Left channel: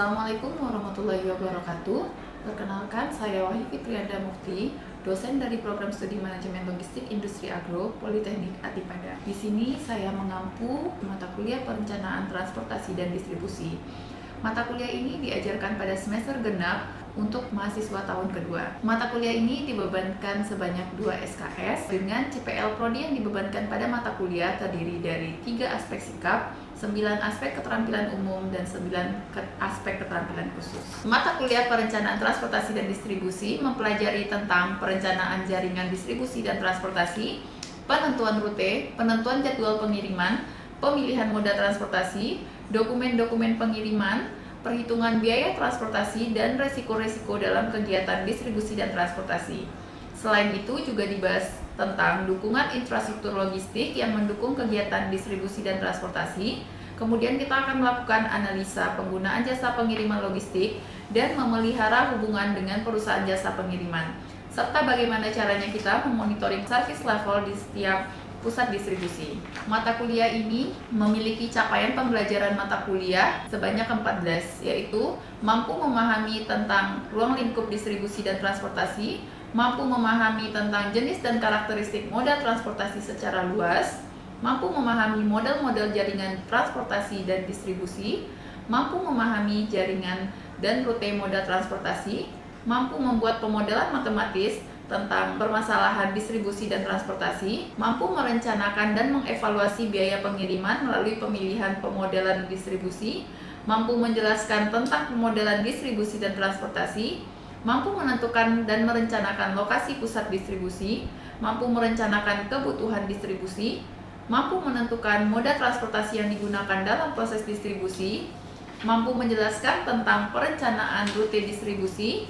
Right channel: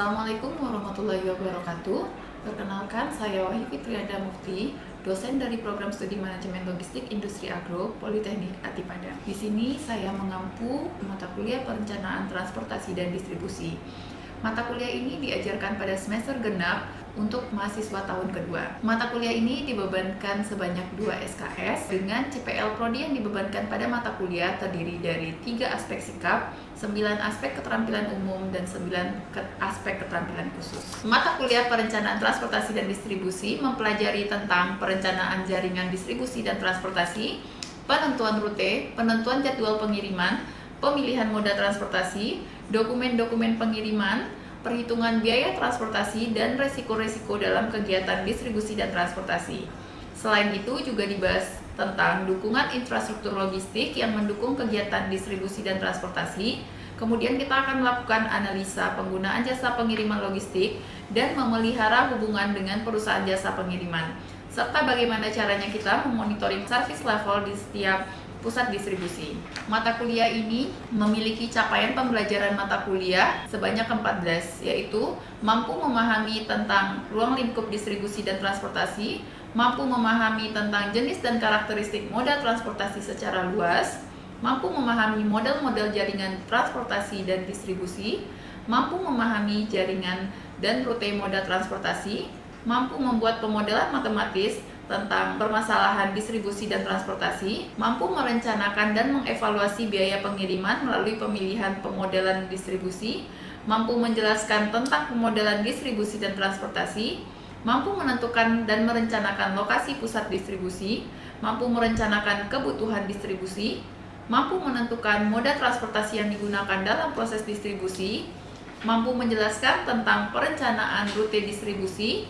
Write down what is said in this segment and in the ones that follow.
Assalamualaikum warahmatullahi wabarakatuh. Perkenalkan, saya Wahyu Fitrianda Mukti, dosen dari Program Studi Manajemen Logistik Industri Agro Politeknik Adipada. Di sini saya mengampu mata kuliah Perencanaan Transportasi dan Distribusi. Mata kuliah ini diajarkan pada semester genap untuk mahasiswa tahun kedua. Mata kuliah ini dibebankan sebanyak 2 SKS dengan CPL Prodi yang dibebankan pada mata kuliah terdiri dari 3 aspek sikap, 9 aspek keterampilan umum, dan 9 aspek keterampilan khusus. Mata kuliah Perencanaan Transportasi dan Distribusi mempelajari tentang perencanaan jaringan distribusi dan transportasi, penentuan rute, penentuan jadwal pengiriman, pemilihan moda transportasi, dokumen-dokumen pengiriman, perhitungan biaya transportasi, dan resiko-resiko dalam kegiatan distribusi dan transportasi. Selain itu juga dibahas tentang dukungan infrastruktur logistik yang mendukung kegiatan distribusi dan transportasi. Kemudian kita akan melakukan analisa penggunaan jasa pengiriman logistik dan memelihara hubungan dengan perusahaan jasa pengiriman, serta bagaimana caranya kita memonitoring service level di setiap pusat distribusi. Mata kuliah ini memiliki capaian pembelajaran mata kuliah sebanyak 14, yaitu mampu memahami tentang ruang lingkup distribusi dan transportasi, mampu memahami tentang jenis dan karakteristik moda transportasi secara luas, mampu memahami model-model jaringan transportasi dan distribusi, mampu memahami jaringan dan rute moda transportasi, mampu membuat pemodelan matematis tentang permasalahan distribusi dan transportasi, mampu merencanakan dan mengevaluasi biaya pengiriman melalui pemilihan pemodelan distribusi, mampu menjelaskan tentang pemodelan distribusi dan transportasi, mampu menentukan dan merencanakan lokasi pusat distribusi, mampu merencanakan kebutuhan distribusi, mampu menentukan moda transportasi yang digunakan dalam proses distribusi, mampu menjelaskan tentang perencanaan rute distribusi,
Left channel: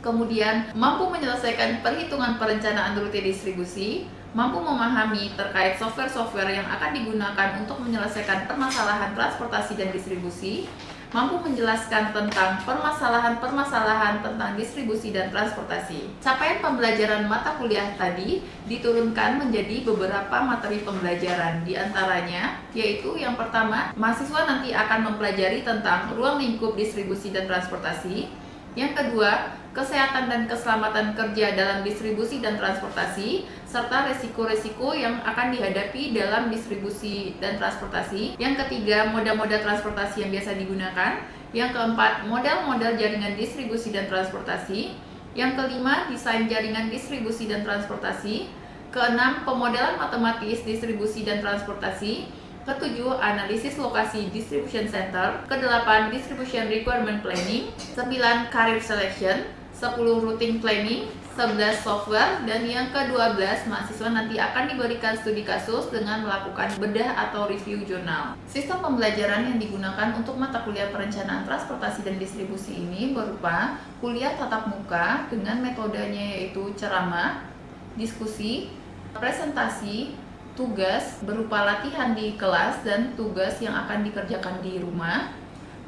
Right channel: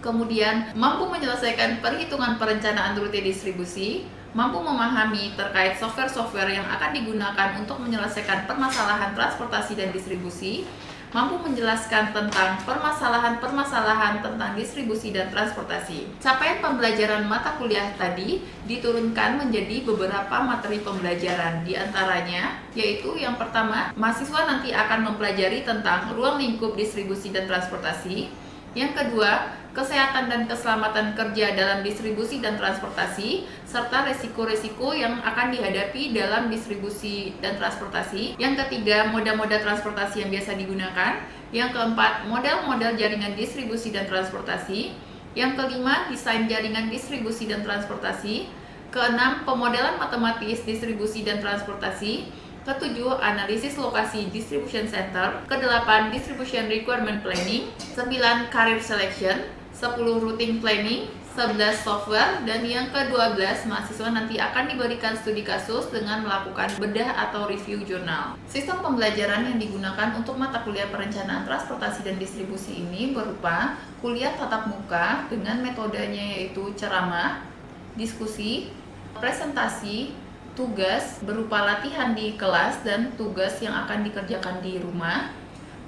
kemudian mampu menyelesaikan perhitungan perencanaan rute distribusi, mampu memahami terkait software-software yang akan digunakan untuk menyelesaikan permasalahan transportasi dan distribusi, mampu menjelaskan tentang permasalahan-permasalahan tentang distribusi dan transportasi. Capaian pembelajaran mata kuliah tadi diturunkan menjadi beberapa materi pembelajaran, di antaranya yaitu yang pertama, mahasiswa nanti akan mempelajari tentang ruang lingkup distribusi dan transportasi. Yang kedua, kesehatan dan keselamatan kerja dalam distribusi dan transportasi, serta resiko-resiko yang akan dihadapi dalam distribusi dan transportasi. Yang ketiga, moda-moda transportasi yang biasa digunakan. Yang keempat, model-model jaringan distribusi dan transportasi. Yang kelima, desain jaringan distribusi dan transportasi. Keenam, pemodelan matematis distribusi dan transportasi. Ketujuh, analisis lokasi distribution center. Kedelapan, distribution requirement planning. 9, career selection. 10, routing planning. 11, software. Dan yang ke-12, mahasiswa nanti akan diberikan studi kasus dengan melakukan bedah atau review jurnal. Sistem pembelajaran yang digunakan untuk mata kuliah perencanaan transportasi dan distribusi ini berupa kuliah tatap muka dengan metodenya yaitu ceramah, diskusi, presentasi, tugas berupa latihan di kelas, dan tugas yang akan dikerjakan di rumah.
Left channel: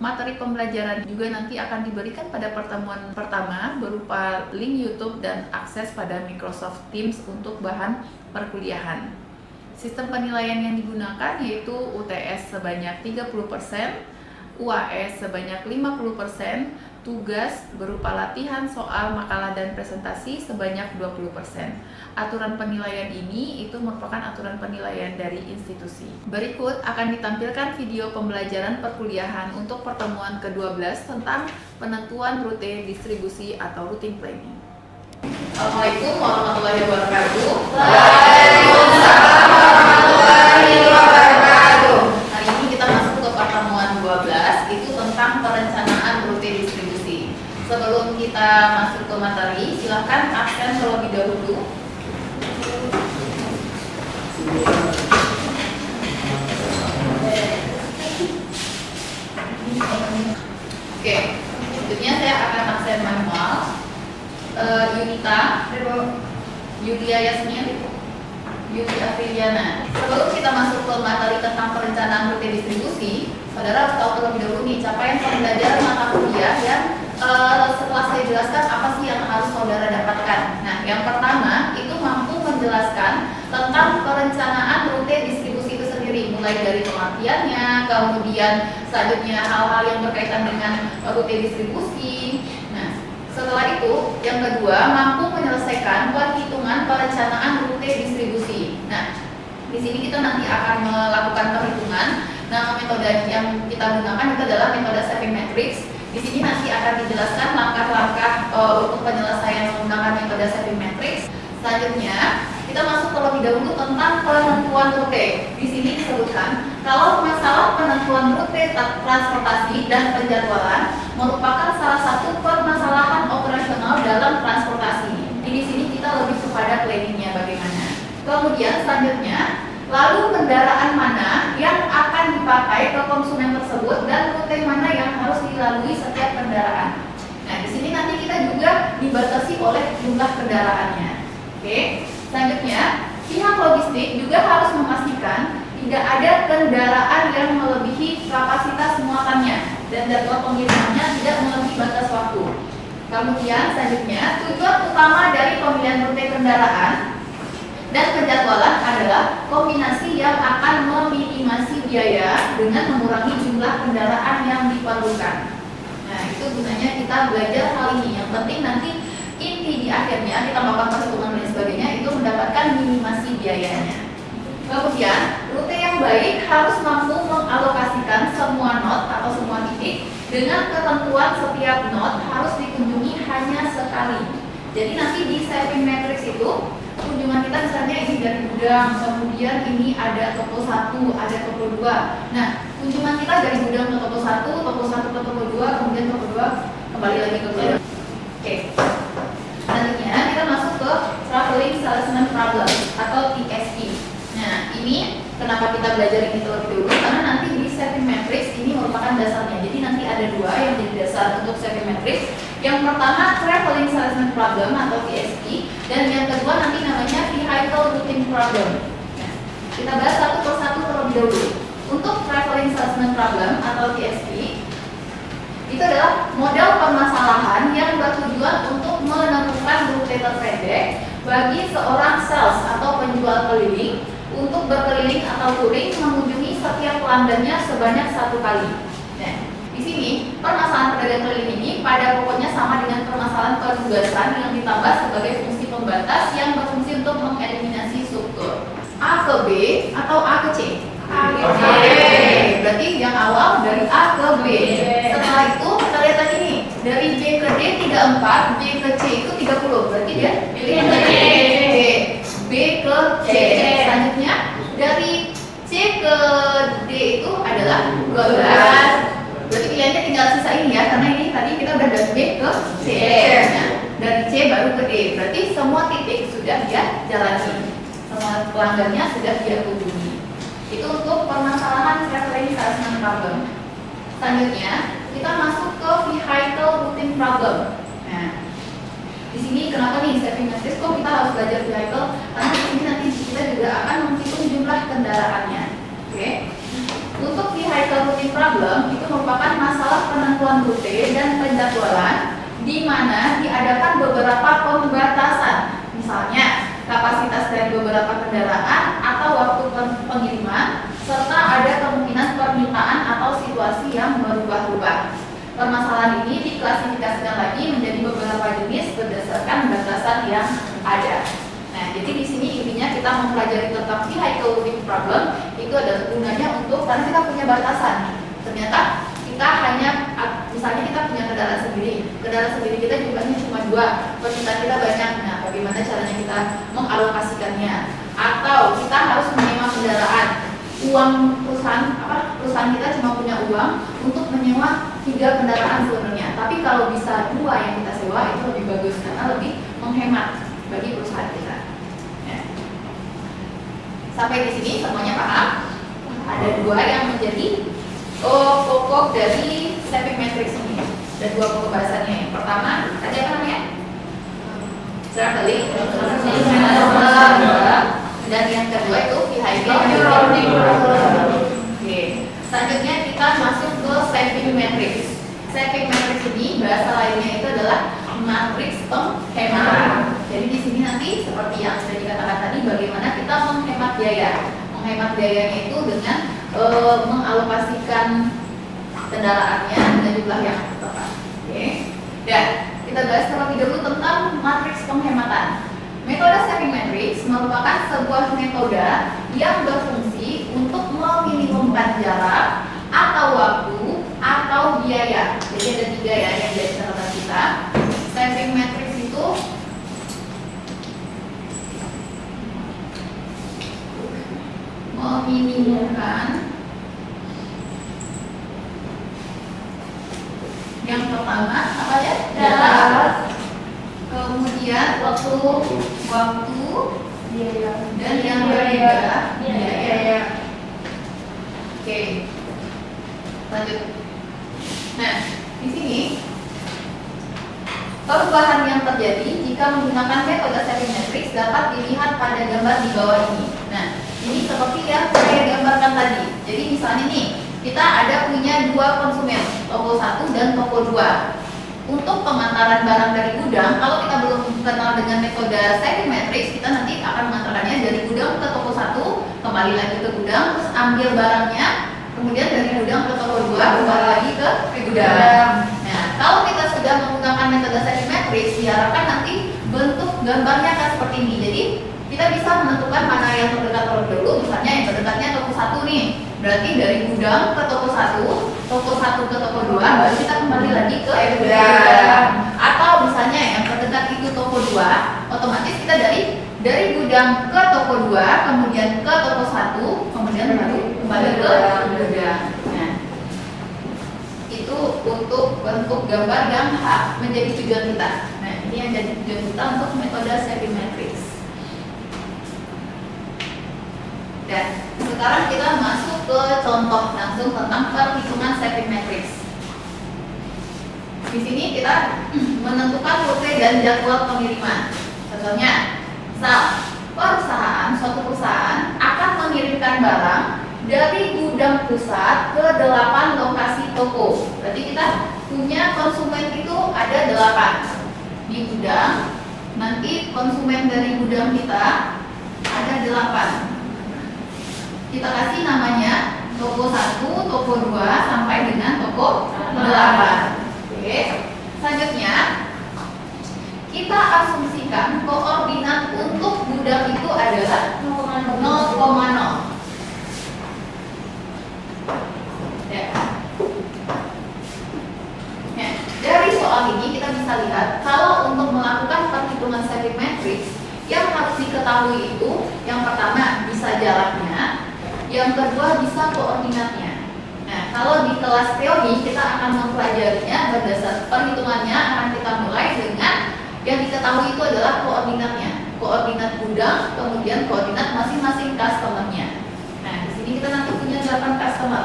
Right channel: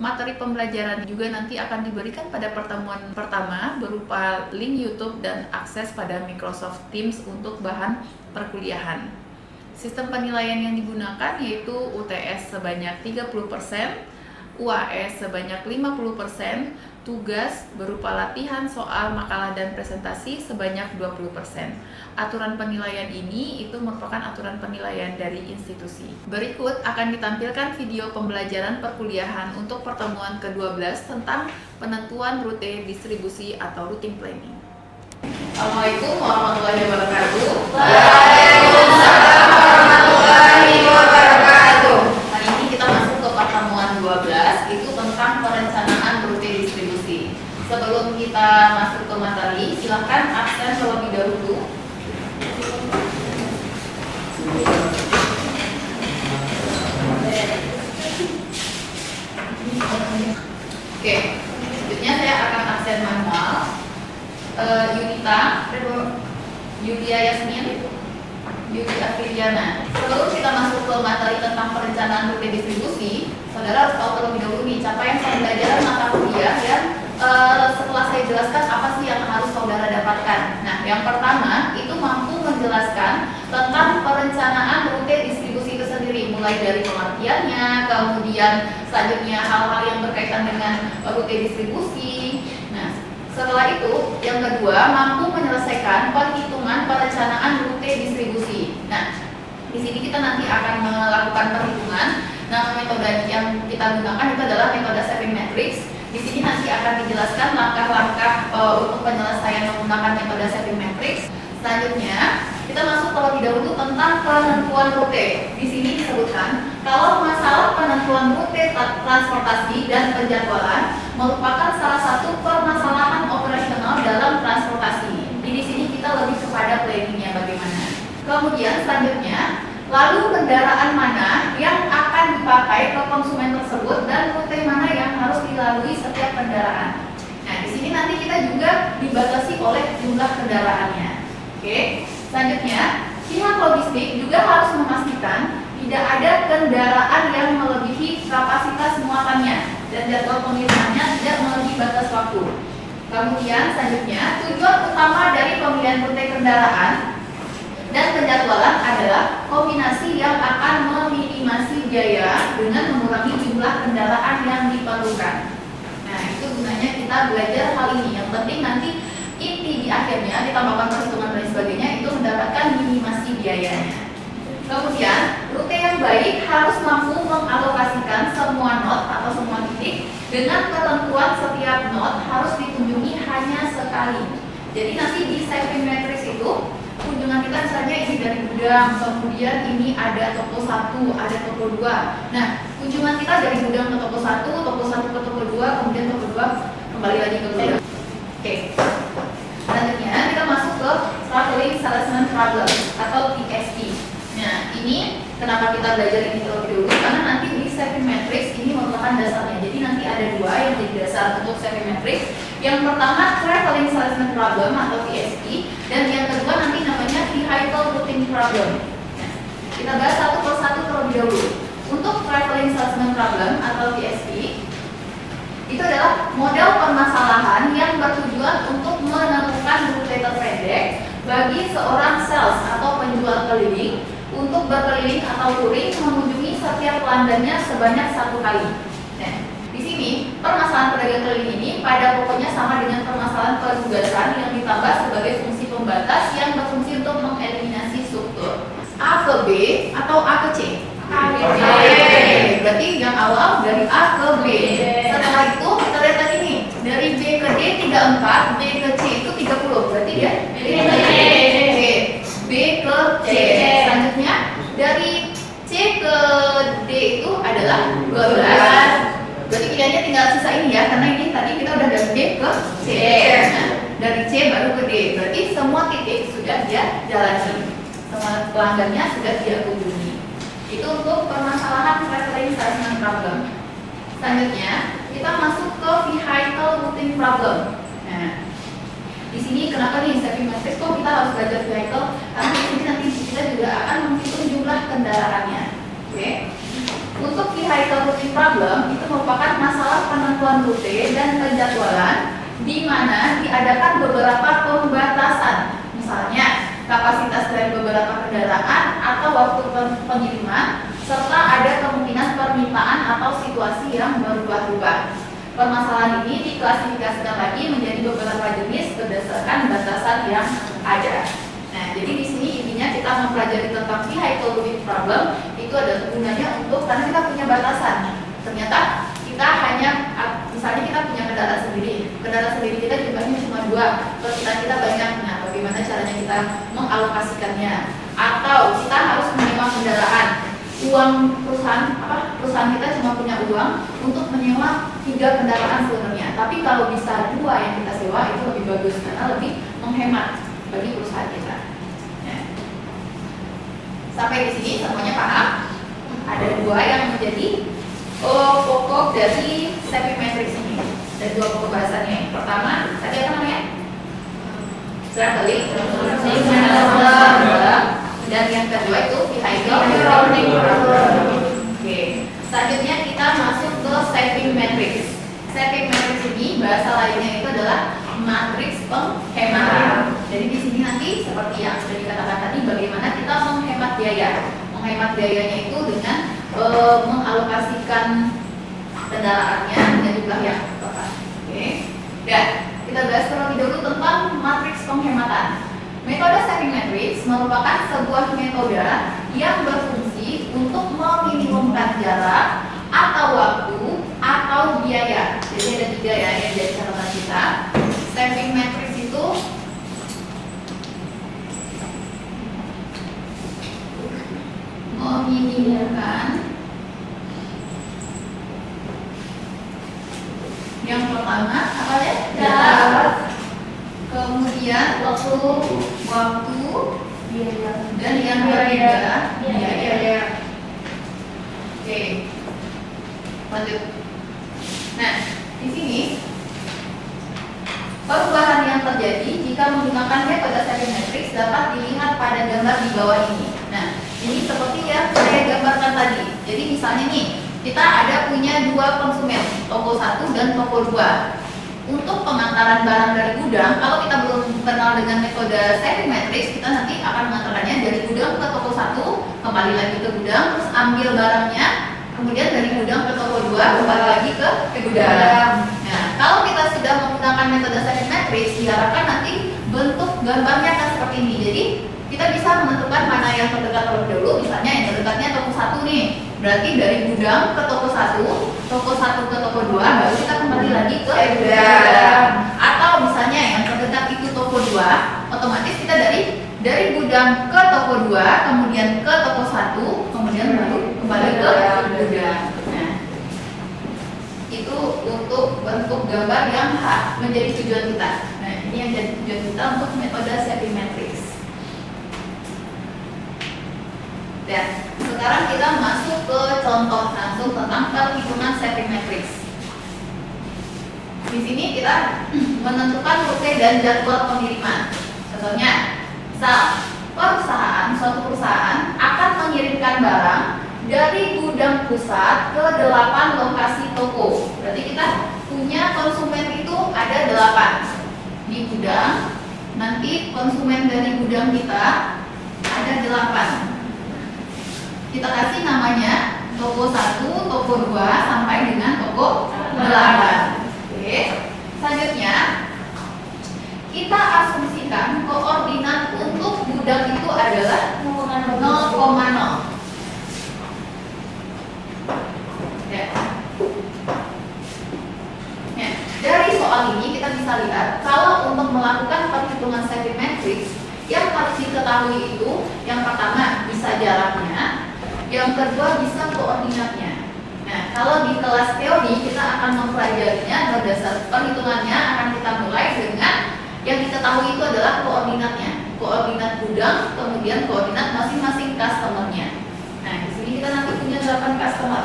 Materi pembelajaran juga nanti akan diberikan pada pertemuan pertama berupa link YouTube dan akses pada Microsoft Teams untuk bahan perkuliahan. Sistem penilaian yang digunakan yaitu UTS sebanyak 30%, UAS sebanyak 50%, tugas berupa latihan soal, makalah, dan presentasi sebanyak 20%. Aturan penilaian ini itu merupakan aturan penilaian dari institusi. Berikut akan ditampilkan video pembelajaran perkuliahan untuk pertemuan ke-12 tentang penentuan rute distribusi atau routing planning. Assalamualaikum warahmatullahi wabarakatuh. Waalaikumsalam warahmatullahi wabarakatuh. Hari ini kita masuk ke pertemuan 12, itu tentang perencanaan rute distribusi. Sebelum kita masuk ke materi, silakan absen terlebih dahulu. Oke, selanjutnya saya akan absen manual. Yunita, Yulia Yasmin, Yunita Fridiana. Sebelum kita masuk ke materi tentang perencanaan rute distribusi, saudara harus tahu terlebih dahulu nih capaian pembelajaran mata kuliah dan setelah saya jelaskan apa sih yang harus saudara dapatkan. Nah, yang pertama itu mampu menjelaskan tentang perencanaan rute distribusi itu sendiri, mulai dari pelatihannya, kemudian selanjutnya hal-hal yang berkaitan dengan rute distribusi. Nah, setelah itu yang kedua, mampu menyelesaikan perhitungan perencanaan rute distribusi. Nah, di sini kita nanti akan melakukan perhitungan. Nama metode yang kita gunakan itu adalah metode saving matrix. Di sini nanti akan dijelaskan langkah-langkah untuk penyelesaian menggunakan metode saving matrix. Selanjutnya, kita masuk terlebih dahulu tentang penentuan rute. Di sini disebutkan kalau masalah penentuan rute transportasi dan penjadwalan merupakan salah satu permasalahan operasional dalam transportasi. Jadi di sini kita lebih kepada planningnya bagaimana. Kemudian selanjutnya, lalu kendaraan mana yang akan dipakai ke konsumen tersebut dan rute mana yang harus dilalui setiap kendaraan. Nah, di sini nanti kita juga dibatasi oleh jumlah kendaraannya. Oke. Selanjutnya, pihak logistik juga harus memastikan tidak ada kendaraan yang melebihi kapasitas muatannya dan jadwal pengirimannya tidak melebihi batas waktu. Kemudian selanjutnya, tujuan utama dari pemilihan rute kendaraan dan penjadwalan adalah kombinasi yang akan meminimasi biaya dengan mengurangi jumlah kendaraan yang diperlukan. Nah, itu gunanya kita belajar hal ini. Yang penting nanti inti di akhirnya kita melakukan perhitungan dan sebagainya itu mendapatkan minimasi biayanya. Kemudian, rute yang baik harus mampu mengalokasikan semua not atau semua titik dengan ketentuan setiap not harus dikunjungi hanya sekali. Jadi nanti di saving matrix itu kunjungan kita misalnya ini dari gudang, kemudian ini ada toko 1, ada toko 2. Nah, kunjungan kita dari gudang ke toko 1 ke toko 2, kemudian toko 2 kembali lagi ke gudang. Oke. Selanjutnya kita masuk ke traveling salesman problem atau TSP. Nah, ini kenapa kita belajar ini terlebih dahulu? Karena nanti di saving matrix ini merupakan dasarnya. Jadi nanti ada dua yang jadi dasar untuk saving matrix. Yang pertama traveling salesman problem atau TSP, dan yang kedua nanti namanya vehicle routing problem. Nah, kita bahas satu persatu terlebih dahulu. Untuk traveling salesman problem atau TSP itu adalah model permasalahan yang bertujuan untuk menentukan rute terpendek bagi seorang sales atau penjual keliling untuk berkeliling atau touring mengunjungi setiap pelanggannya sebanyak 1 kali. Nah, di sini permasalahan pedagang keliling ini pada pokoknya sama dengan permasalahan penugasan yang ditambah sebagai fungsi pembatas yang berfungsi untuk mengeliminasi struktur A ke B atau A ke C. A ke B. Berarti yang awal dari A ke B. Setelah itu kita lihat tadi nih, dari C ke D 34, D ke C itu 30. Berarti dia B ke C. Selanjutnya dari C ke D itu adalah 12. Berarti pilihannya tinggal sisa ini ya, karena ini tadi kita udah dari D ke C. Nah, dari C baru ke D. Berarti semua titik sudah dia jalani. Semua pelanggannya sudah dia kunjungi. Itu untuk permasalahan traveling salesman problem. Selanjutnya kita masuk ke vehicle routing problem. Nah, di sini kenapa nih saving matrix kok kita harus belajar vehicle? Karena ini nanti kita juga akan menghitung jumlah kendaraannya. Oke. Untuk vehicle routing problem itu merupakan masalah penentuan rute dan penjadwalan di mana diadakan beberapa pembatasan. Misalnya kapasitas dari beberapa kendaraan atau waktu pengiriman serta ada kemungkinan permintaan atau situasi yang berubah-ubah. Permasalahan ini diklasifikasikan lagi menjadi beberapa jenis berdasarkan batasan yang ada. Nah, jadi di sini intinya kita mempelajari tentang vehicle routing problem itu ada gunanya untuk karena kita punya batasan. Ternyata kita hanya misalnya kita punya kendaraan sendiri kita jumlahnya cuma 2, permintaan kita banyak. Nah, bagaimana caranya kita mengalokasikannya? Atau kita harus menyewa kendaraan. Perusahaan kita cuma punya uang untuk menyewa 3 kendaraan sebenarnya. Tapi kalau bisa 2 yang kita sewa itu lebih bagus karena lebih menghemat bagi perusahaan kita. Nah, sampai di sini semuanya paham? Ada 2 yang menjadi pokok dari saving matrix ini. Dan 2 pokok bahasannya. Yang pertama, tadi apa namanya? Traveling, dan yang kedua itu vehicle routing problem. Oke. Selanjutnya kita masuk ke saving matrix. Saving matrix ini bahasa lainnya itu adalah matriks penghematan. Jadi di sini nanti seperti yang sudah dikatakan tadi, bagaimana kita menghemat biaya. Menghemat biayanya itu dengan mengalokasikan kendaraannya dengan jumlah yang tepat. Oke. Dan kita bahas terlebih dahulu tentang matriks penghematan. Metode stacking matrix merupakan sebuah metode yang berfungsi untuk meminimumkan jarak atau waktu atau biaya. Jadi ada 3 ya yang jadi catatan kita. Stacking matrix itu meminimumkan yang pertama apa ya? Jarak. Kemudian waktu dan yang biaya. Oke. Lanjut. Nah, di sini perubahan yang terjadi jika menggunakan metode stacking matrix dapat dilihat pada gambar di bawah ini. Nah, ini seperti yang saya gambarkan tadi. Jadi misalnya nih, kita ada punya 2 konsumen, toko 1 dan toko 2. Untuk pengantaran barang dari gudang, kalau kita belum kenal dengan metode stacking matrix, kita nanti akan mengantarkannya dari gudang ke toko 1, kembali lagi ke gudang, terus ambil barangnya, kemudian dari gudang ke toko 2, kembali lagi ke gudang. Nah, kalau kita sudah menggunakan metode stacking matrix, diharapkan nanti bentuk gambarnya akan seperti ini. Jadi kita bisa menentukan mana yang terdekat terlebih dahulu. Misalnya yang terdekatnya toko 1 nih, berarti dari gudang ke toko 1, toko 1 ke toko 2, baru kita kembali lagi ke gudang. Atau misalnya yang terdekat itu toko 2, otomatis kita dari gudang ke toko 2, kemudian ke toko 1, kemudian baru kembali ke gudang. Nah, itu untuk bentuk gambar yang menjadi tujuan kita. Nah, ini yang jadi tujuan kita untuk metode stacking matrix. Dan sekarang kita masuk ke contoh langsung tentang perhitungan stacking matrix. Di sini kita menentukan rute dan jadwal pengiriman. Contohnya, suatu perusahaan akan mengirimkan barang dari gudang pusat ke 8 lokasi toko. Berarti kita punya konsumen itu ada 8 di gudang. Nanti konsumen dari gudang kita ada 8. Kita kasih namanya toko 1, toko 2 sampai dengan toko 8. Oke. Selanjutnya kita asumsikan koordinat untuk gudang itu adalah 0,0. Ya. Nah, dari soal ini kita bisa lihat kalau untuk melakukan perhitungan stacking matrix yang harus diketahui itu yang pertama bisa jaraknya, yang kedua bisa koordinatnya. Nah, kalau di kelas teori kita akan mempelajarinya berdasar perhitungannya akan kita mulai dengan yang kita tahu itu adalah koordinatnya, koordinat gudang, kemudian koordinat masing-masing customer-nya. Nah, di sini kita nanti punya 8 customer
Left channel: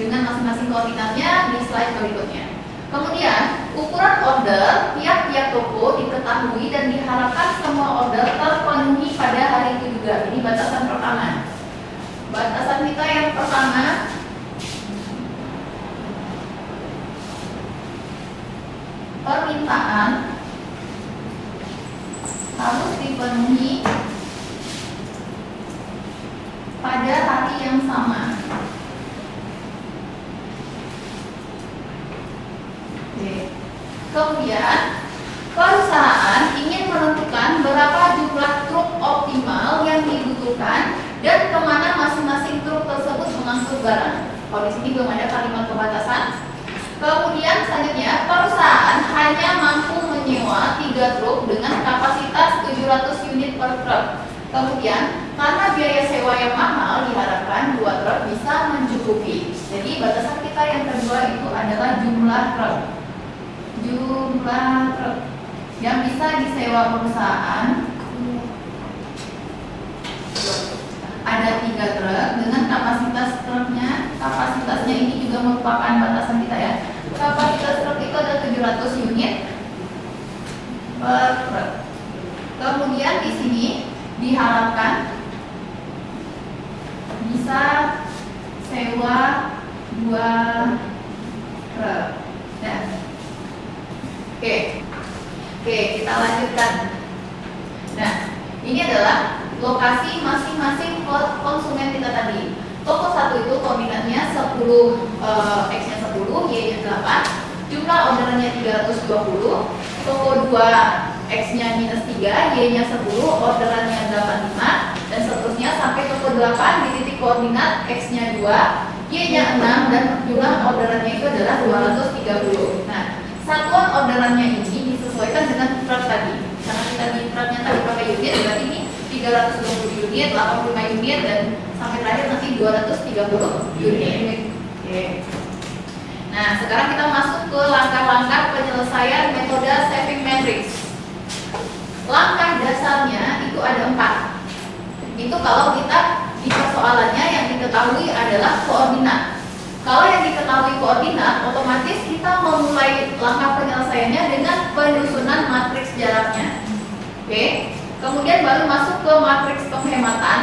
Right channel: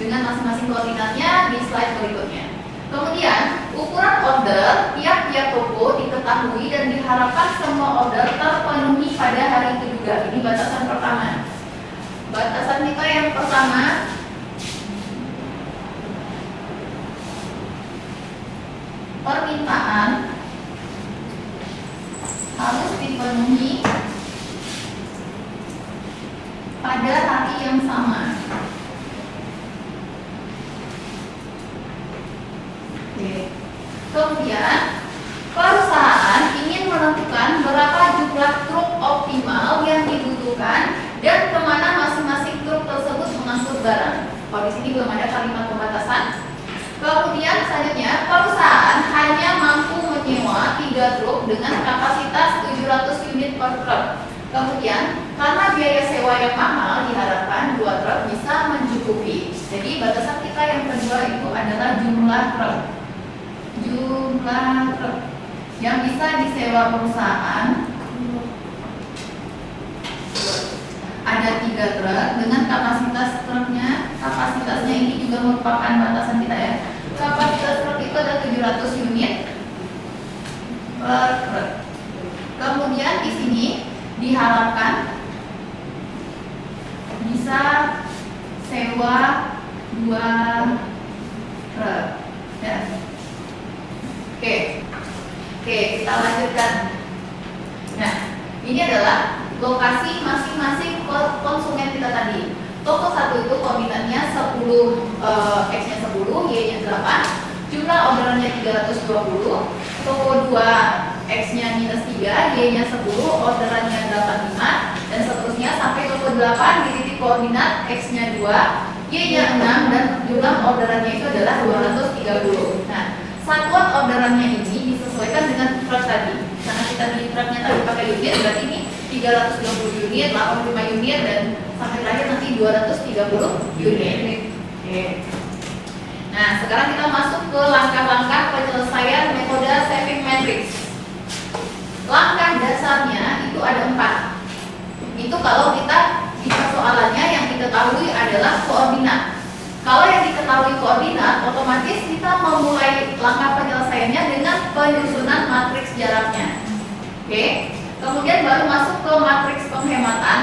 dengan masing-masing koordinatnya di slide berikutnya. Kemudian ukuran order tiap-tiap toko diketahui dan diharapkan semua order terpenuhi pada hari itu juga. Ini batasan pertama. Batasan kita yang pertama permintaan harus dipenuhi pada hari yang sama. Kemudian perusahaan ingin menentukan berapa jumlah truk optimal yang dibutuhkan dan kemana masing-masing truk tersebut mengangkut barang. Kalau di sini belum ada kalimat pembatasan. Kemudian selanjutnya perusahaan hanya mampu menyewa 3 truk dengan kapasitas 700 unit per truk. Kemudian karena biaya sewa yang mahal diharapkan 2 truk bisa mencukupi. Jadi batasan kita yang kedua itu adalah jumlah truk. Jumlah truk yang bisa disewa perusahaan ada 3 truk dengan kapasitas truknya. Kapasitasnya ini juga merupakan batasan kita ya. Kapasitas truk itu ada 700 unit per truk. Kemudian di sini diharapkan bisa sewa 2 truk. Ya. Oke, kita lanjutkan. Nah, ini adalah lokasi masing-masing konsumen kita tadi. Toko 1 itu koordinatnya 10, X-nya 10, Y-nya 8, jumlah orderannya 320. Toko 2 X-nya minus 3, Y-nya 10, orderannya 85, dan seterusnya sampai toko 8 di titik koordinat X-nya 2, Y-nya 6, dan jumlah orderannya itu adalah 230. Nah, satuan orderannya ini disesuaikan dengan ikrar tadi. Karena kita di ikrarnya tadi pakai unit, berarti ini 320 unit, 85 unit, dan sampai terakhir nanti 230 unit. Oke. Nah, sekarang kita masuk ke langkah-langkah penyelesaian metode saving matrix. Langkah dasarnya itu ada 4. Itu kalau kita di persoalannya yang diketahui adalah koordinat. Kalau yang diketahui koordinat, otomatis kita memulai langkah penyelesaiannya dengan penyusunan matriks jaraknya. Oke. Kemudian baru masuk ke matriks penghematan,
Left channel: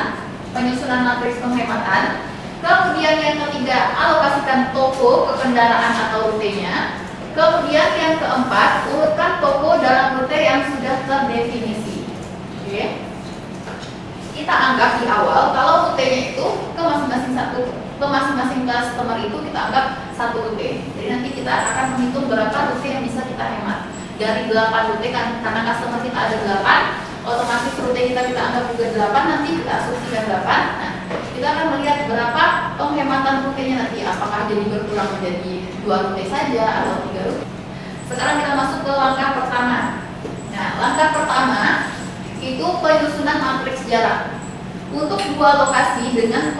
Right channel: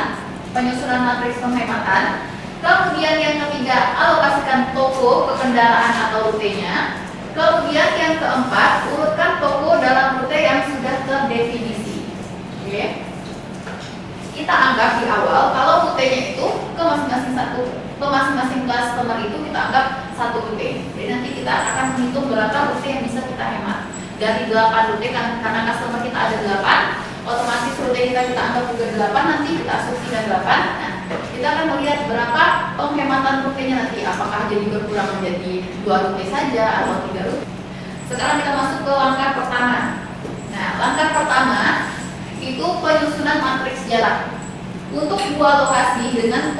penyusunan matriks penghematan. Kemudian yang ketiga, alokasikan toko ke kendaraan atau rutenya. Kemudian yang keempat, urutkan toko dalam rute yang sudah terdefinisi. Oke. Kita anggap di awal kalau rutenya itu ke masing-masing customer itu kita anggap satu rute. Jadi nanti kita akan menghitung berapa rute yang bisa kita hemat. Dari 8 rute kan, karena customer kita ada 8, otomatis rute kita anggap juga 8, nanti kita asumsikan 8. Nah, kita akan melihat berapa penghematan rutenya nanti, apakah jadi berkurang menjadi 2 rute saja atau 3 rute. Sekarang kita masuk ke langkah pertama. Nah, langkah pertama itu penyusunan matriks jarak untuk 2 lokasi dengan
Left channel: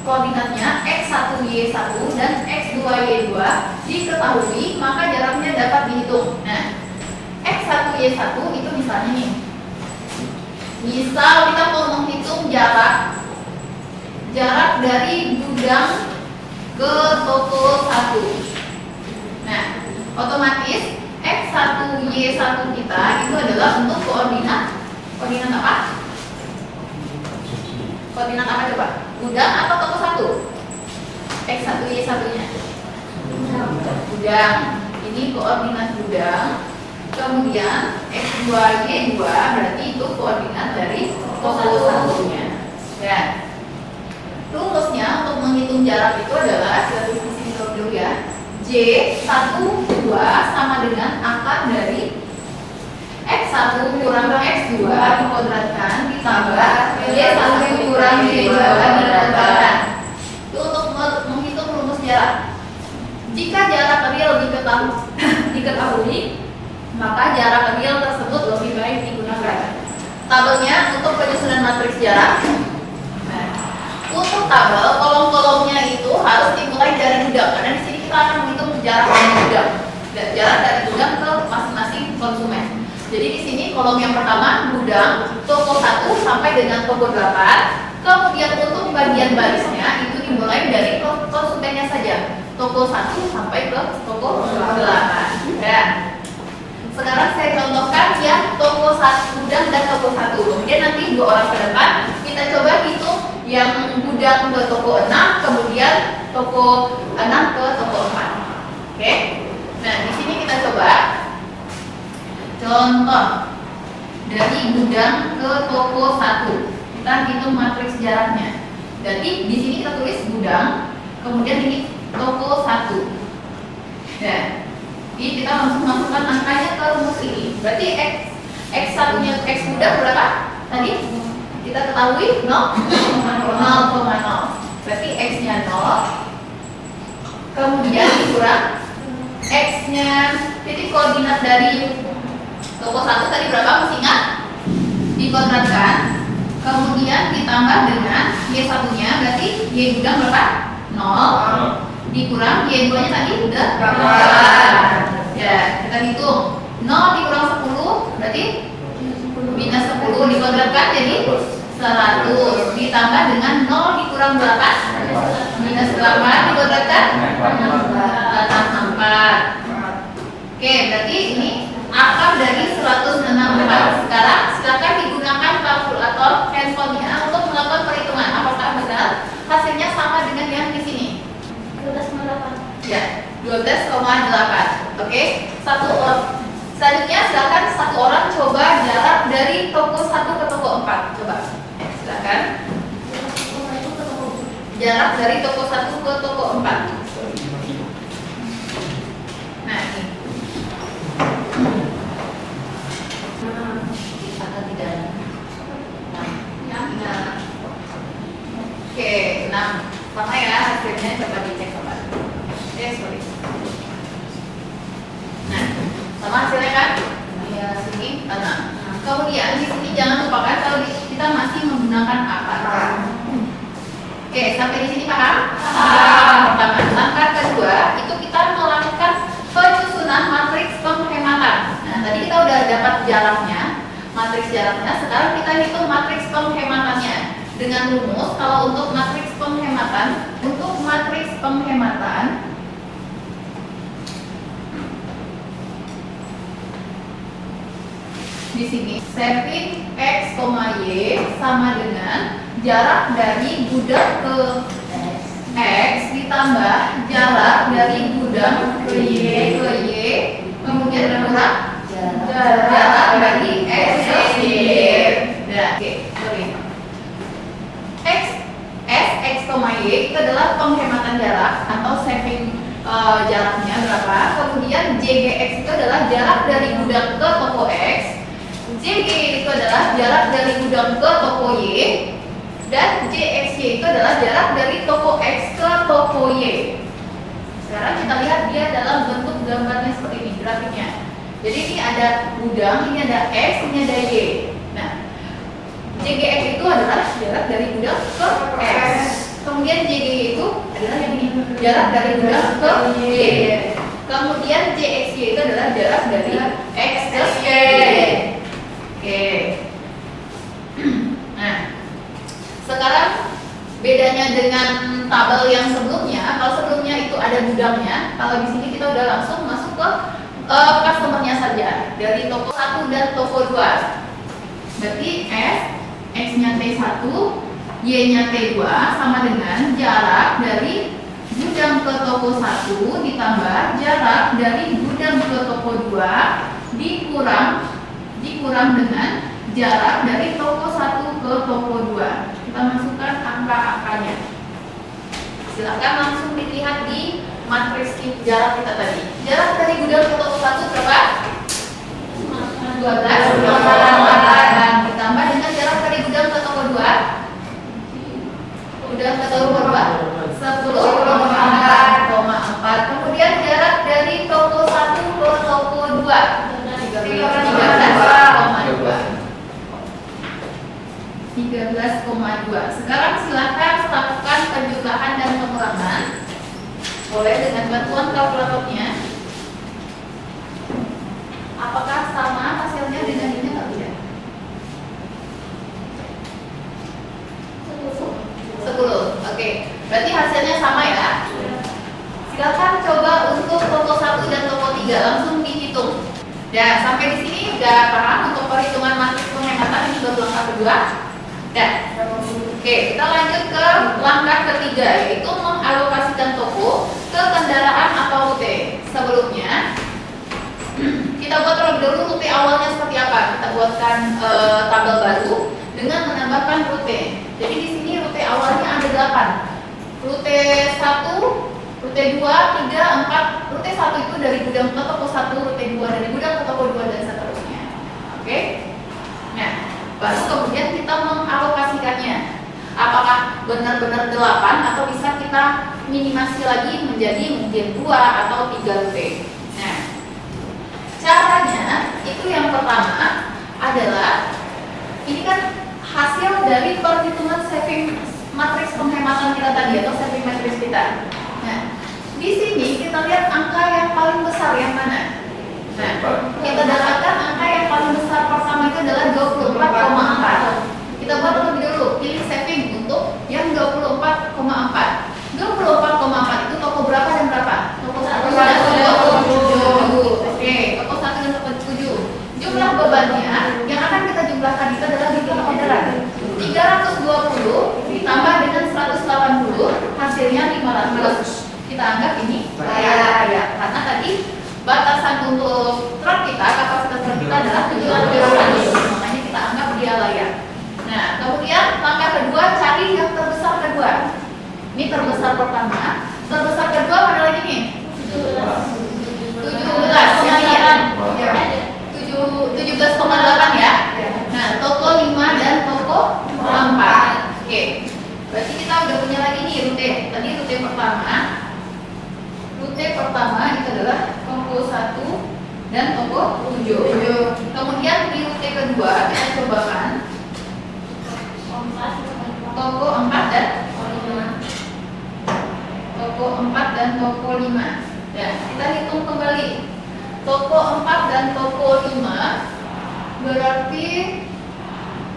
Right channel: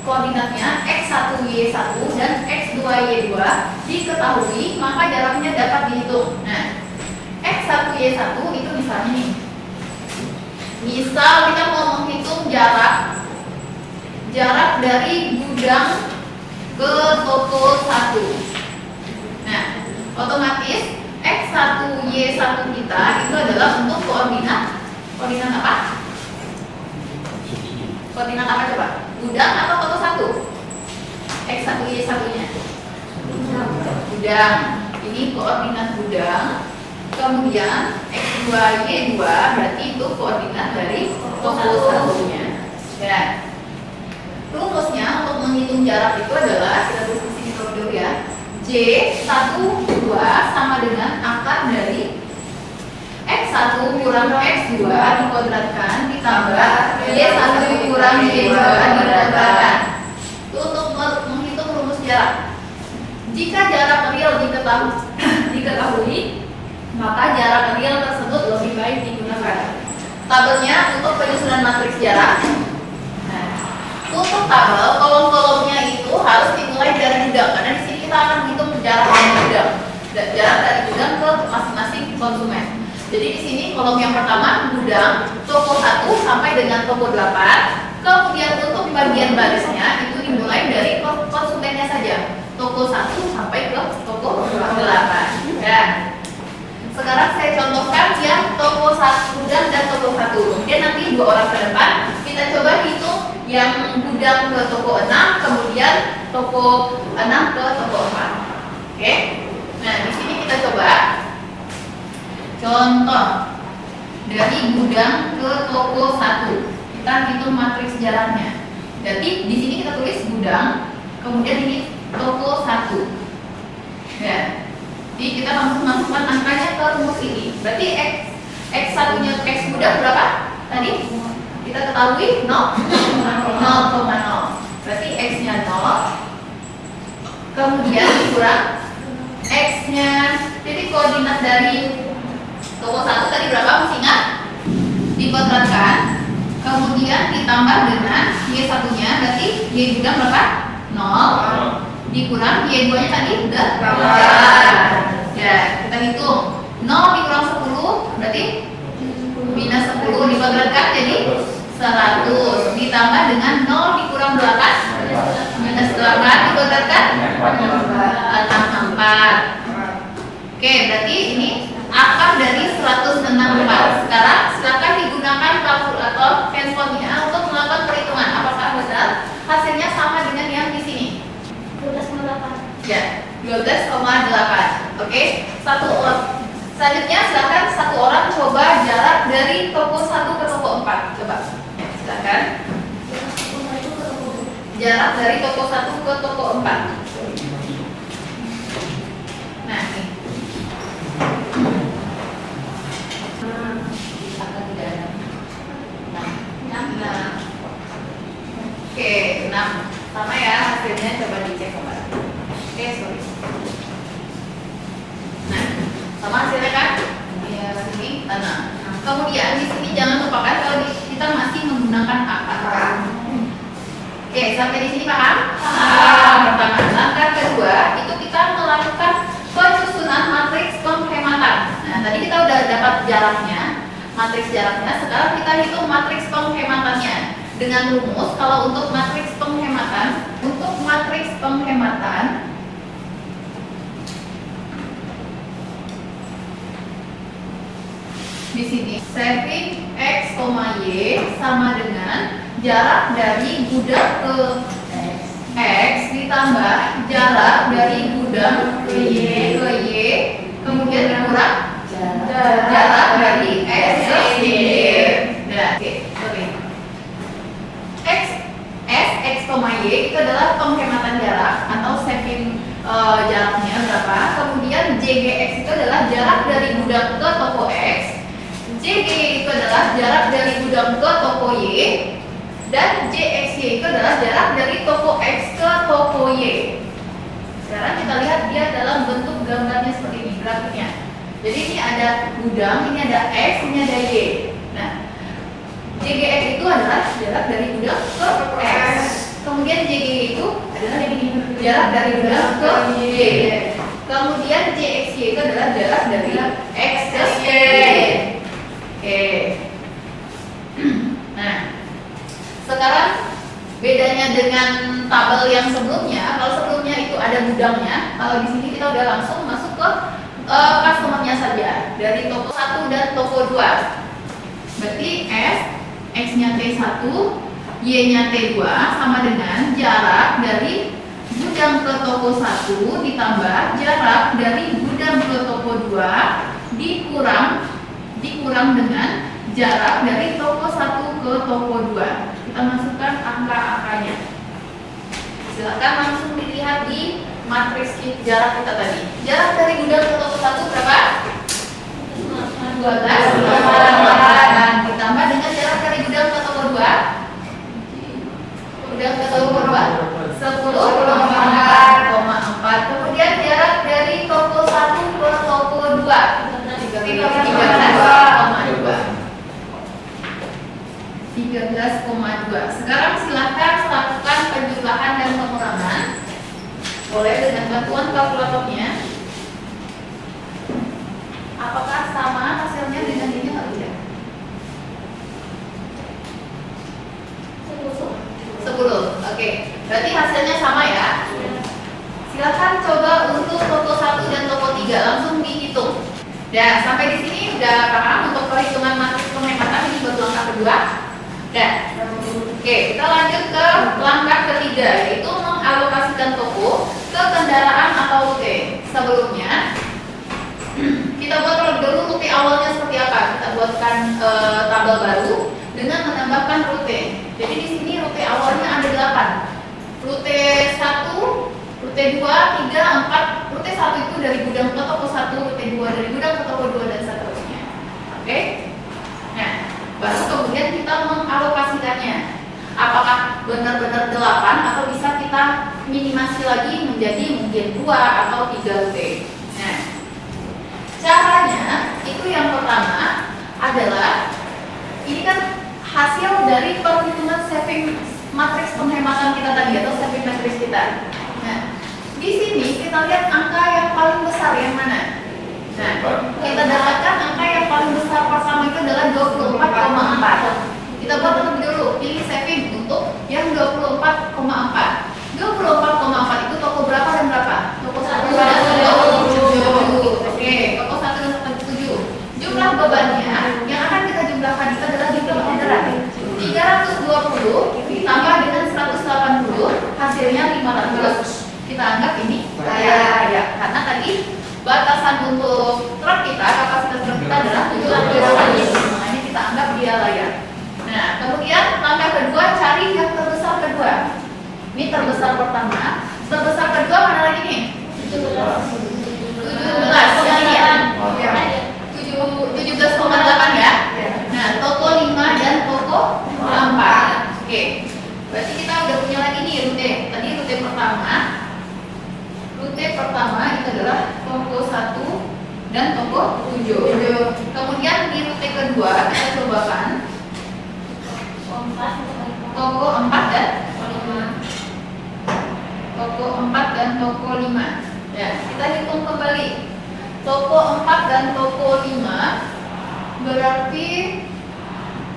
koordinatnya X1Y1 dan X2Y2 diketahui, maka jaraknya dapat dihitung. Nah, X1Y1 itu misalnya nih, misal kita mau menghitung jarak dari gudang ke toko 1. Nah, otomatis X1Y1 kita itu adalah untuk koordinat apa? Koordinat apa coba? Gudang atau toko 1? X1Y1-nya? Gudang. Ini koordinat gudang. Kemudian X2Y2 berarti itu koordinat dari toko 1-nya. Nah, rumusnya untuk menghitung jarak itu adalah, kita tulis di sini dulu ya. J1 2 sama dengan akar dari X1 kurang X2 dikuadratkan ditambah Y1 kurang Y2 dikuadratkan. Untuk menghitung rumus jarak, jika jarak real diketahui, maka jarak real tersebut lebih baik digunakan. Tabelnya untuk penyusunan matriks jarak. Nah, untuk tabel kolom-kolomnya itu harus dimulai dari gudang, karena di sini kita akan menghitung jarak dari gudang, jarak dari gudang ke masing-masing konsumen. Jadi di sini kolom yang pertama gudang, toko 1 sampai dengan toko 8. Kemudian untuk bagian barisnya itu dimulai dari konsumennya saja, toko 1 sampai ke toko 8. Dan sekarang saya contohkan yang toko 1 gudang dan toko 1. Kemudian nanti 2 orang ke depan kita coba hitung yang gudang ke toko 6, kemudian toko 6 ke toko 4. Oke. Nah, di sini kita coba contoh dari gudang ke toko 1. Kita hitung matriks jaraknya. Jadi di sini kita tulis gudang, kemudian ini toko 1. Nah, jadi kita masukkan angkanya ke rumus ini. Berarti X1-nya X gudang berapa? Tadi kita ketahui 0,0. Berarti X-nya 0. Kemudian dikurang X-nya. Jadi koordinat dari toko 1 tadi berapa? Masih ingat? Dikuadratkan. Kemudian ditambah dengan Y1-nya, berarti Y gudang berapa? 0. Dikurang Y2-nya tadi udah 8. Ya, kita hitung 0 dikurang 10 berarti minus 10 dikuadratkan jadi 100. Ditambah dengan 0 dikurang 8 minus 8 dikuadratkan 64. Oke, berarti ini akar dari 164. Sekarang silakan digunakan kalkulator handphonenya untuk melakukan perhitungan apakah benar hasilnya sama dengan yang di sini. 12,8. Ya, 12,8. Oke, selanjutnya silakan satu orang coba jarak dari toko 1 ke toko 4. Coba, ya, silakan. Kemudian di sini jangan lupakan kalau kita masih menggunakan apa? Oke, sampai di sini paham? Pertama, langkah kedua itu kita melakukan penyusunan matriks penghematan. Nah, tadi kita udah dapat jaraknya, matriks jaraknya. Sekarang kita hitung matriks penghematannya dengan rumus. Kalau untuk matriks penghematan, di sini saving x, y sama dengan jarak dari gudang ke x ditambah jarak dari gudang ke y kemudian berkurang jarak dari s ke y. X, y itu adalah penghematan jarak atau saving jaraknya berapa. Kemudian JGX itu adalah jarak dari gudang ke toko X. JG itu adalah jarak dari gudang ke toko Y. Dan JXY itu adalah jarak dari toko X ke toko Y. Sekarang kita lihat dia dalam bentuk gambarnya seperti ini grafiknya. Jadi ini ada gudang, ini ada X, ini ada Y. Nah, JGX itu adalah jarak dari gudang ke X. Kemudian JG itu adalah ini, jarak dari gudang ke Y. Kemudian JXY itu adalah jarak dari X ke Y. Oke. Nah, sekarang bedanya dengan tabel yang sebelumnya. Kalau sebelumnya itu ada gudangnya, kalau di sini kita udah langsung masuk ke customer-nya saja dari toko 1 dan toko 2. Berarti X-nya T1, Y-nya T2 sama dengan jarak dari gudang ke toko 1 ditambah jarak dari gudang ke toko 2 dikurang dengan jarak dari toko 1 ke toko 2. Kita masukkan angka-angkanya. Silakan langsung dilihat di matriks jarak kita tadi. Jarak dari gudang ke toko 1 berapa? 12,4 ditambah dengan jarak dari gudang ke toko 2. Gudang ke toko 2 10,4. Kemudian jarak dari toko 1 ke toko 2 13,2. Sekarang silakan lakukan penjumlahan dan pengurangan. Mulai dengan bantuan kalkulatornya. Apakah sama hasilnya dengan ini atau tidak? 10. Oke. Berarti hasilnya sama ya. Silakan coba untuk toko 1 dan toko 3 langsung dihitung. Ya, sampai di sini udah paham untuk perhitungan matriks penghematan itu untuk langkah kedua. Dan oke, kita lanjut ke langkah ketiga, yaitu mengalokasikan toko ke kendaraan atau rute. Sebelumnya kita buat terlebih dahulu rute awalnya seperti apa. Kita buatkan tabel baru dengan menambahkan rute. Jadi di sini rute awalnya ada 8. Rute 1, rute 2, 3, 4. Rute 1 itu dari gudang ke toko 1, rute 2 dari gudang ke toko 2 dan seterusnya. Oke? Nah, baru kemudian kita mengalokasikannya. Apakah benar-benar 8 atau bisa kita minimasi lagi menjadi mungkin 2 atau 3 rute. Nah, caranya itu yang pertama adalah ini kan hasil dari perhitungan saving matriks penghematan kita tadi atau saving matriks kita. Nah, di sini kita lihat angka yang paling besar yang mana? Nah, kita dapatkan angka yang paling besar pertama itu adalah 24,4. Kita buat lebih dulu, pilih saving untuk yang 24,4. 24,4 itu toko berapa dan berapa? Toko 1 dan toko 7. Oke, toko 1 dan toko 7. Jumlah bebannya yang akan kita jumlahkan itu adalah jumlah orderan. 320 ditambah dengan 180 hasilnya 500. Kita anggap ini layak karena tadi batasan untuk truk kita, kapasitas truk kita adalah 700 tadi, makanya kita anggap dia layak. Nah, kemudian langkah kedua, cari yang terbesar kedua. Ini terbesar pertama, terbesar kedua mana lagi nih? 17, yang ini ya? 17,8 ya? Nah, toko 5 dan toko 4. Oke, berarti kita udah punya lagi nih rute. Tadi rute pertama. Rute pertama itu adalah toko 1 dan toko 7. Kemudian di rute kedua Berarti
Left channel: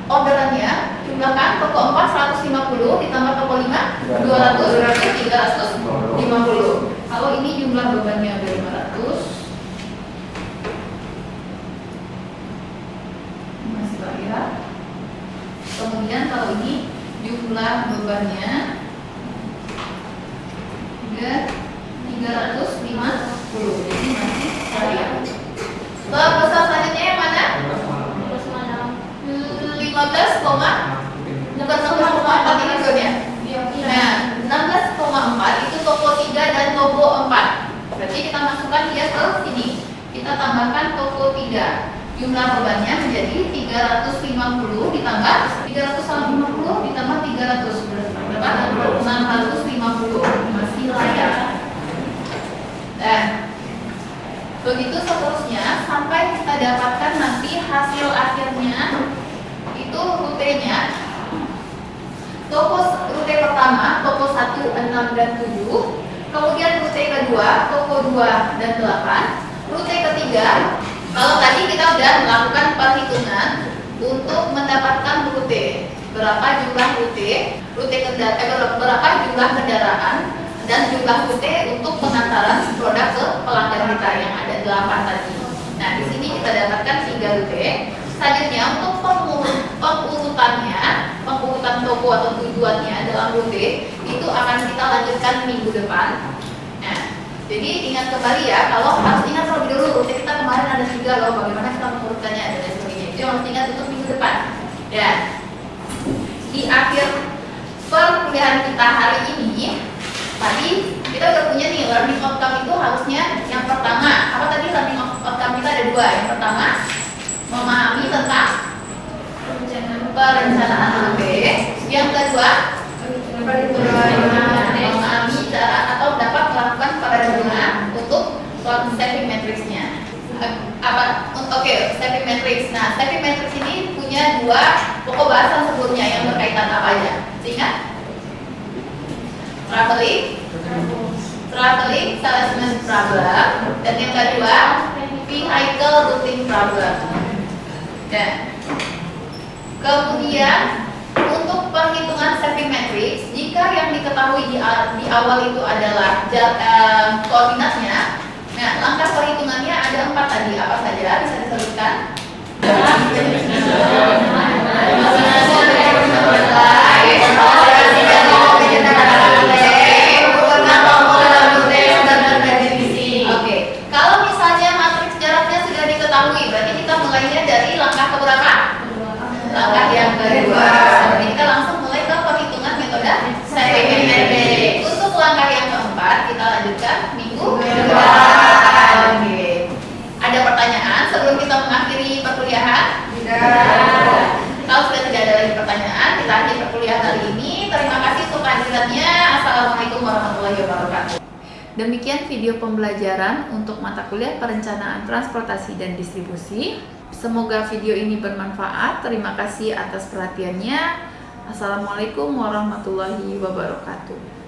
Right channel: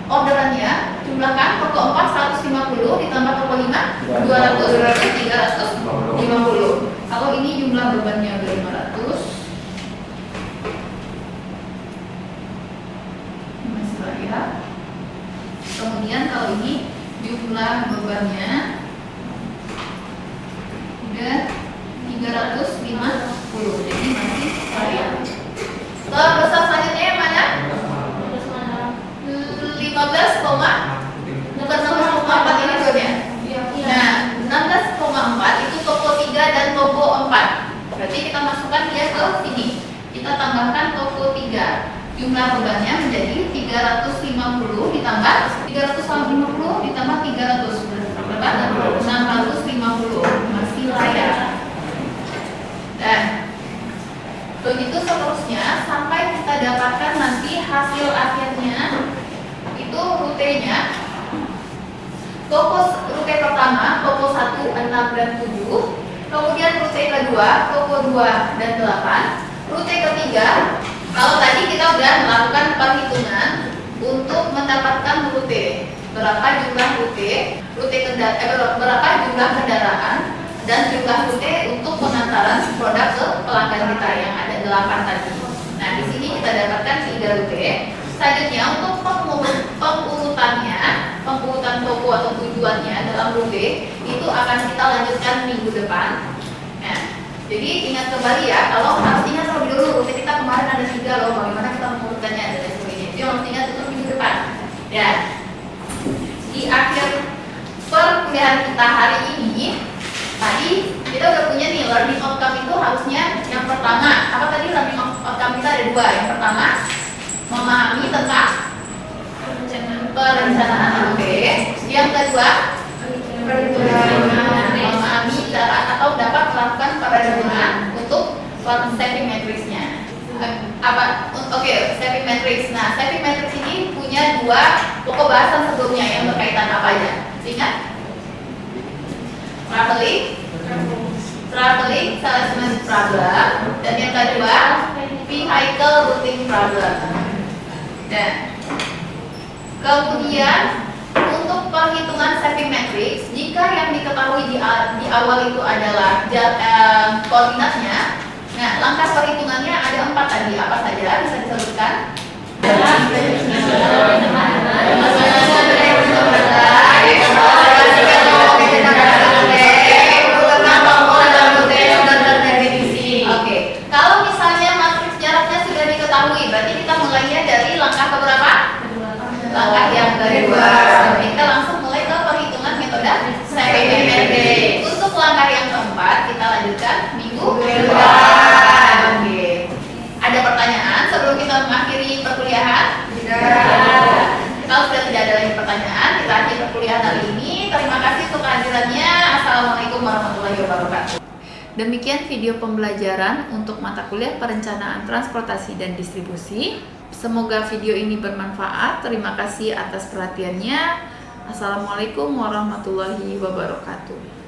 orderannya jumlahkan toko 4 150 ditambah toko 5 200 berarti 350. Kalau ini jumlah bebannya udah 500. Masih banyak. Kemudian kalau ini jumlah bebannya udah 350. Jadi masih banyak. Pesan selanjutnya yang mana? 15, bukan 16,4 tadi rekonya. Nah, 16,4 itu toko 3 dan toko 4. Berarti kita masukkan dia ke sini. Kita tambahkan toko 3. Jumlah bebannya menjadi 350 ditambah 350 ditambah 300. Berapa? 950. Masih layak. Nah, begitu seterusnya sampai kita dapatkan nanti hasil akhirnya itu rutenya. Rute pertama, toko 1, 6, dan 7. Kemudian rute kedua, toko 2 dan 8. Rute ketiga, kalau tadi kita sudah melakukan perhitungan untuk mendapatkan rute. Berapa jumlah rute, berapa jumlah kendaraan, dan jumlah rute untuk pengantaran produk ke pelanggan kita yang ada 8 tadi. Nah, di sini kita dapatkan 3 rute. Selanjutnya untuk pengurutan toko atau tujuannya dalam rute itu akan kita lanjutkan minggu depan. Nah, jadi ingat kembali ya, kalau harus ingat terlebih dulu rute kita kemarin ada 3 loh, bagaimana kita pengurutannya dan sebagainya. Jadi harus ingat untuk minggu depan. Ya, di akhir perkuliahan kita hari ini, tadi kita udah punya nih learning outcome itu harusnya yang pertama apa tadi learning outcome kita ada 2. Yang pertama memahami tentang perencanaan rute. Yang kedua memahami cara atau dapat melakukan perencanaan untuk stepping matrix-nya. Stepping matrix. Nah, stepping matrix ini punya 2 pokok bahasa sebelumnya yang berkaitan apa aja? Ingat? Traveling, salesman problem, dan yang kedua vehicle routing problem. Dan kemudian untuk perhitungan stepping matrix, jika yang diketahui di awal itu adalah koordinatnya, nah langkah perhitungannya ada 4 tadi. Apa saja bisa disebutkan? Kalau misalnya matriks jaraknya sudah diketahui, berarti kita mulainya dari langkah keberapa? Langkah yang kedua. Kita langsung mulai ke perhitungan metode stepping matrix. Untuk langkah yang keempat, kita lanjutkan minggu depan. Ada pertanyaan sebelum kita mengakhiri perkuliahan? Kalau sudah tidak ada lagi pertanyaan, kita akhiri perkuliahan hari ini. Terima kasih untuk kehadirannya. Assalamualaikum warahmatullahi wabarakatuh. Demikian video pembelajaran untuk mata kuliah perencanaan transportasi dan distribusi. Semoga video ini bermanfaat. Terima kasih atas perhatiannya. Assalamualaikum warahmatullahi wabarakatuh.